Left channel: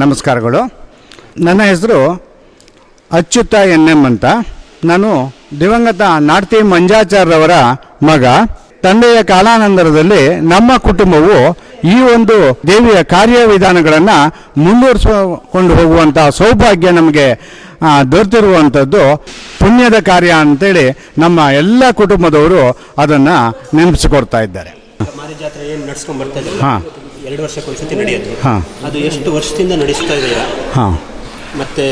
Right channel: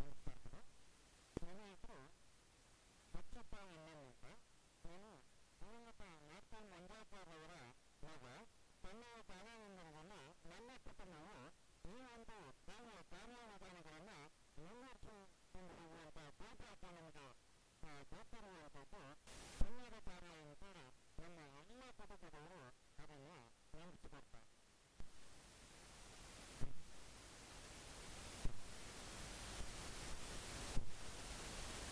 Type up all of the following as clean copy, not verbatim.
ನಮಸ್ಕಾರಗಳು. ನನ್ನ ಹೆಸರು ಅಚ್ಯುತ ಎನ್.ಎಂ. ಅಂತ. ನಾನು ದಿವಂಗತ ನಾಡ್ತಿ ಮಂಜಾಚಾರ್ಯವರ ಮಗ. ತಂದೆಯ ಕಾಲಾನಂತರದಲ್ಲಿ ನಮ್ಮ ಕುಟುಂಬವು ಈ ಒಂದು ದೇವಿಯ ಕಾರ್ಯವಿಧಾನಗಳನ್ನು ಮುಂದುವರಿಸಿಕೊಂಡು ಹೋಗುವಂಥ ಸೌಭಾಗ್ಯ ನಮಗೆ ದೊರೆತಿರುವಂಥದ್ದು ಪುಣ್ಯದ ಕಾರ್ಯ ಅಂತೇಳಿ ನಮ್ಮ ಎಲ್ಲ ಕುಟುಂಬದವರು ಅದನ್ನು ನೆನಪಿಸಿಕೊಡ್ತಾ ಇದ್ದಾರೆ. ಜಾತ್ರೆ ಏನು ನಡ್ಸ್ಕೊಂಡು ಬರ್ತಾ ಇದ್ದಾರೆ. ಹಾಂ, 2 ವರ್ಷಕ್ಕೊಂದ್ಸತಿ ನಡೆಯೋದು. ಹಾಂ, ಅದು ಎಷ್ಟು ವರ್ಷದಿಂದ ನಡೆಸ್ತಾ ಇದ್ದೀರಾ? ಹಾಂ. ಮತ್ತೆ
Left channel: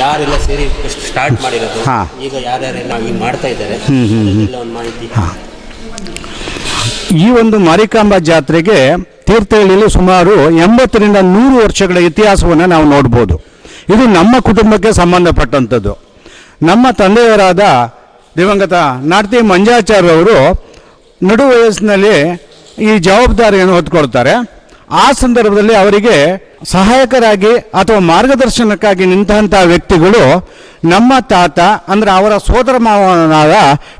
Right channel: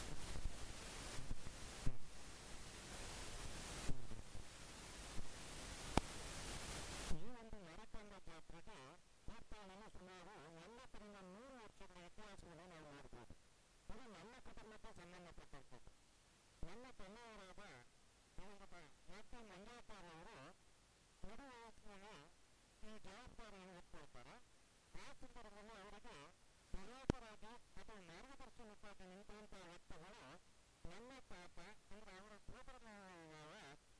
ಯಾರೆಲ್ಲ ಸೇರಿ ಸ್ಟಾರ್ಟ್ ಮಾಡಿರೋದು? ಹಾಂ. ಈಗ ಯಾರ್ಯಾರೆಲ್ಲ ಈಗ ಮಾಡ್ತಾ ಇದ್ದಾರೆ ಒಂದು ಮಾಹಿತಿ. ಹಾಂ, ಈ ಒಂದು ಮಾರಿಕಾಂಬ ಜಾತ್ರೆಗೆ ತೀರ್ಥಹಳ್ಳಿಯಲ್ಲಿ ಸುಮಾರು 80ರಿಂದ 100 ವರ್ಷಗಳ ಇತಿಹಾಸವನ್ನು ನಾವು ನೋಡ್ಬೋದು. ಇದು ನಮ್ಮ ಕುಟುಂಬಕ್ಕೆ ಸಂಬಂಧಪಟ್ಟಂಥದ್ದು. ನಮ್ಮ ತಂದೆಯವರಾದ ದಿವಂಗತ ನಾಡ್ತಿ ಮಂಜಾಚಾರ್ಯವರು ನಡು ವಯಸ್ಸಿನಲ್ಲಿ ಈ ಜವಾಬ್ದಾರಿಯನ್ನು ಹೊತ್ತುಕೊಳ್ತಾರೆ. ಆ ಸಂದರ್ಭದಲ್ಲಿ ಅವರಿಗೆ ಸಹಾಯಕರಾಗಿ ಅಥವಾ ಮಾರ್ಗದರ್ಶನಕ್ಕಾಗಿ ನಿಂತಹ ವ್ಯಕ್ತಿಗಳು ನಮ್ಮ ತಾತ ಅಂದರೆ ಅವರ ಸೋದರ ಮಾವನಾದ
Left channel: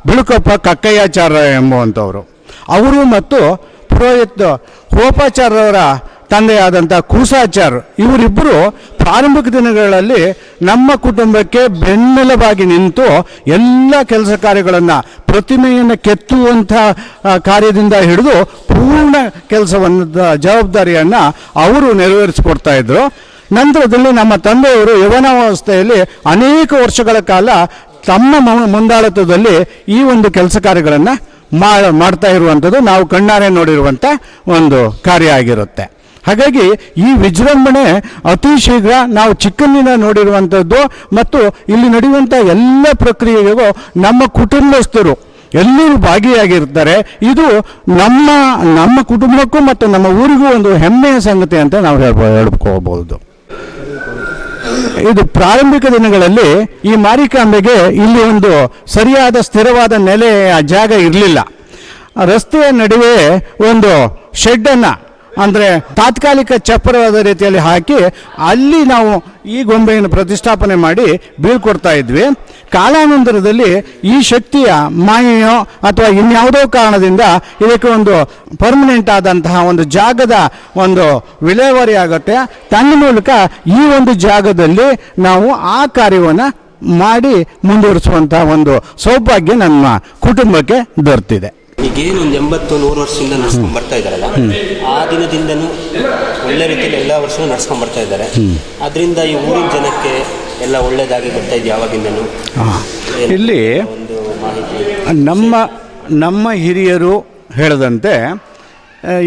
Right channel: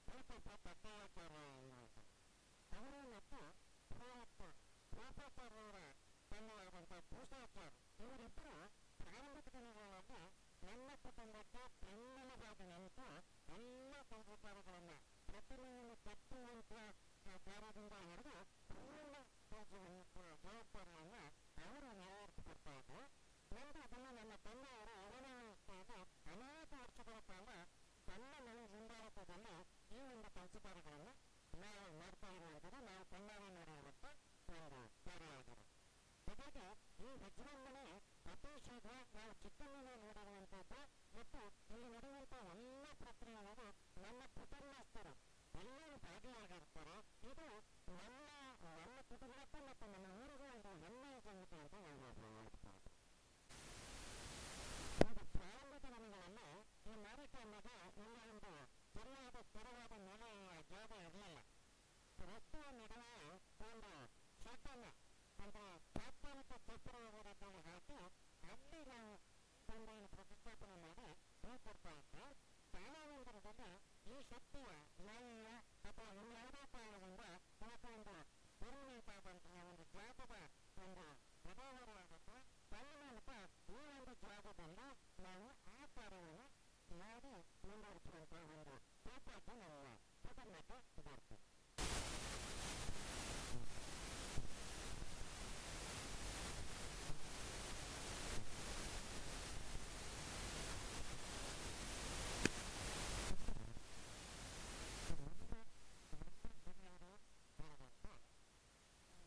ಬಿಳುಕಪ್ಪ ಕಕ್ಕಯ್ಯಾಚಾರ್ಯ ಎಂಬುವಂಥವರು. ಅವರು ಮತ್ತು ಪುರೋಹಿತ ಹೋಪಾಚಾರ್ಯವರ ತಂದೆಯಾದಂಥ ಕೂಸಾಚಾರ್ಯ ಇವರಿಬ್ಬರು ಪ್ರಾರಂಭಿಕ ದಿನಗಳಲ್ಲಿ ನಮ್ಮ ಕುಟುಂಬಕ್ಕೆ ಬೆನ್ನೆಲುಬಾಗಿ ನಿಂತು ಎಲ್ಲ ಕೆಲಸ ಕಾರ್ಯಗಳನ್ನು ಪ್ರತಿಮೆಯನ್ನು ಕೆತ್ತುವಂಥ ಕಾರ್ಯದಿಂದ ಹಿಡಿದು ಪೂರ್ಣ ಕೆಲಸವನ್ನು ಜವಾಬ್ದಾರಿಯನ್ನು ಅವರು ನೆರವೇರಿಸಿಕೊಡ್ತಾ ಇದ್ದರು. ನಂತರದಲ್ಲಿ ನಮ್ಮ ತಂದೆಯವರು ಯವನಾವಸ್ಥೆಯಲ್ಲಿ ಅನೇಕ ವರ್ಷಗಳ ಕಾಲ ತಮ್ಮ ಮುಂದಾಳತ್ವದಲ್ಲಿ ಈ ಒಂದು ಕೆಲಸ ಕಾರ್ಯಗಳನ್ನು ಮಾಡ್ತಾ ಇರುವಂಥದ್ದು ನಾವು ಕಣ್ಣಾರೆ ನೋಡಿರುವಂಥ ಒಂದು ಕಾರ್ಯ ಆಗಿರುತ್ತೆ. ಹಾಗಾಗಿ ಈ ವಿಜೃಂಭಣೆ ಅತಿ ಶೀಘ್ರ ನಾವು ಚಿಕ್ಕಂದಿನ ನೋಡಿರುವಂಥದ್ದು ಮತ್ತು ಇಲ್ಲಿ ನಡೆಯುವಂಥ ಎಲ್ಲ ಪ್ರಕ್ರಿಯೆಗೂ ನಮ್ಮ ಕುಟುಂಬಸ್ಥರು ಎಲ್ಲರೂ ಭಾಗಿಯಾಗಿರ್ತಾರೆ. ಇದು ನಮ್ಮ ಕುಟುಂಬಕ್ಕೂ ಮತ್ತು ನಮ್ಮ ಊರಿಗೂ ಒಂದು ಹೆಮ್ಮೆಯ ಸಂಗತಿ ಅಂತ ನಾವು ಹೇಳ್ಕೋಬಹುದು. ಇದು ಪ್ರಾರಂಭಿಕ ದಿನಗಳಲ್ಲಿ ಈ ಮಾರಿಕಾಂಬೆಗೆ ಇಲ್ಲಿ ಒಂದು ಸರಿಯಾದ ಸ್ಥಿರವಾದ ನೆಲೆಯ ಜಾಗ ಇರಲಿಲ್ಲ. ರಸ್ತೆಯ ನಡುವೆ ಒಂದು ಶೆಡ್ಡನ್ನು ಅಂದರೆ ತಾತ್ಕಾಲಿಕ ಚಪ್ಪರವಾದ ರೀತಿಯಲ್ಲಿ ಹಾಕಿ ಅಲ್ಲಿ ನಾವು ಈ ಗೊಂಬೆಯನ್ನು ಪ್ರತಿಷ್ಠಾಪನೆ ಮಾಡಿ ಬೀಳ್ಕೊಡ್ತಾ ಇದ್ವಿ. ಕಾಲಾನಂತರದಲ್ಲಿ ಈ ಶಕ್ತಿಯ ಮಾಯೆಯೋ ಅಥವಾ ಇನ್ಯಾವುದೋ ಕಾರಣದಿಂದ ಇದಕ್ಕೆ ಒಂದು ಪರ್ಮನೆಂಟ್ ಆದಂತಹ ಒಂದು ಜಾಗದ ಒಂದು ವಿಲೇವಾರಿ ಆಗುತ್ತೆ. ತನ್ನ ಮೂಲಕ ಈ ಒಂದು ಜಾಗದಲ್ಲಿ ನಾವು ಆ ಕಾರ್ಯವನ್ನು ಮಾಡಿ ಮುಂದುವರಿಸುವಂಥ ಒಂದು ಸೌಭಾಗ್ಯ ನಮ್ಮ ಕುಟುಂಬಕ್ಕೆ ದೊರೆತಿದೆ. ಈಗೇನು ಒಂದು 80-100 ವರ್ಷದಿಂದ ನಡ್ಸ್ಕೊಂಡು ಬರ್ತಾ ಇದ್ದಾರಲ್ಲ, ಆ ದಿನದಿಂದನೂ ಒಳ್ಳೆ ರೀತಿಯಲ್ಲಿ ಎಲ್ಲ ವರ್ಷವೂ ನಡ್ಸ್ಕೊಂಡು ಬರ್ತಾ ಇದ್ದಾರೆ. ಅದರಿಂದ ಈ ಊರಿನ ಜನಕ್ಕೆ ಎಲ್ಲ ಒಳ್ಳೆಯದಾಗಿ ಬರ್ತಾ ಇದೆ ಯಾವಾಗಿಂದನೂ. ಇಲ್ಲಿ ಒಂದು ಮಾಹಿತಿ ನಮ್ಮ ಹಿರಿಯರು ಹೇಳದಂತೆ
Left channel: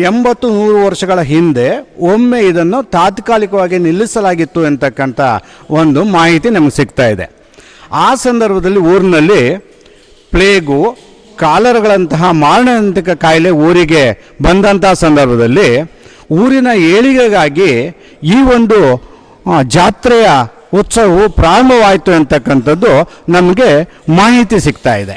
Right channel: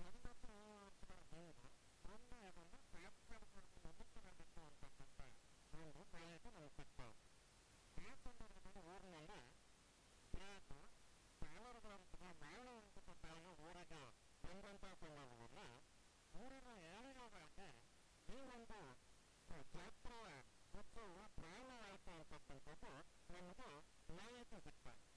80-100 ವರ್ಷಗಳ ಹಿಂದೆ ಒಮ್ಮೆ ಇದನ್ನು ತಾತ್ಕಾಲಿಕವಾಗಿ ನಿಲ್ಲಿಸಲಾಗಿತ್ತು ಅಂತಕ್ಕಂಥ ಒಂದು ಮಾಹಿತಿ ನಮಗೆ ಸಿಗ್ತಾ ಇದೆ. ಆ ಸಂದರ್ಭದಲ್ಲಿ ಊರಿನಲ್ಲಿ ಪ್ಲೇಗು, ಕಾಲರ್ಗಳಂತಹ ಮಾರಣಾಂತಿಕ ಕಾಯಿಲೆ ಊರಿಗೆ ಬಂದಂಥ ಸಂದರ್ಭದಲ್ಲಿ ಊರಿನ ಏಳಿಗೆಗಾಗಿ ಈ ಒಂದು ಜಾತ್ರೆಯ ಉತ್ಸವವು ಪ್ರಾರಂಭವಾಯಿತು ಅಂತಕ್ಕಂಥದ್ದು ನಮಗೆ ಮಾಹಿತಿ ಸಿಗ್ತಾ ಇದೆ.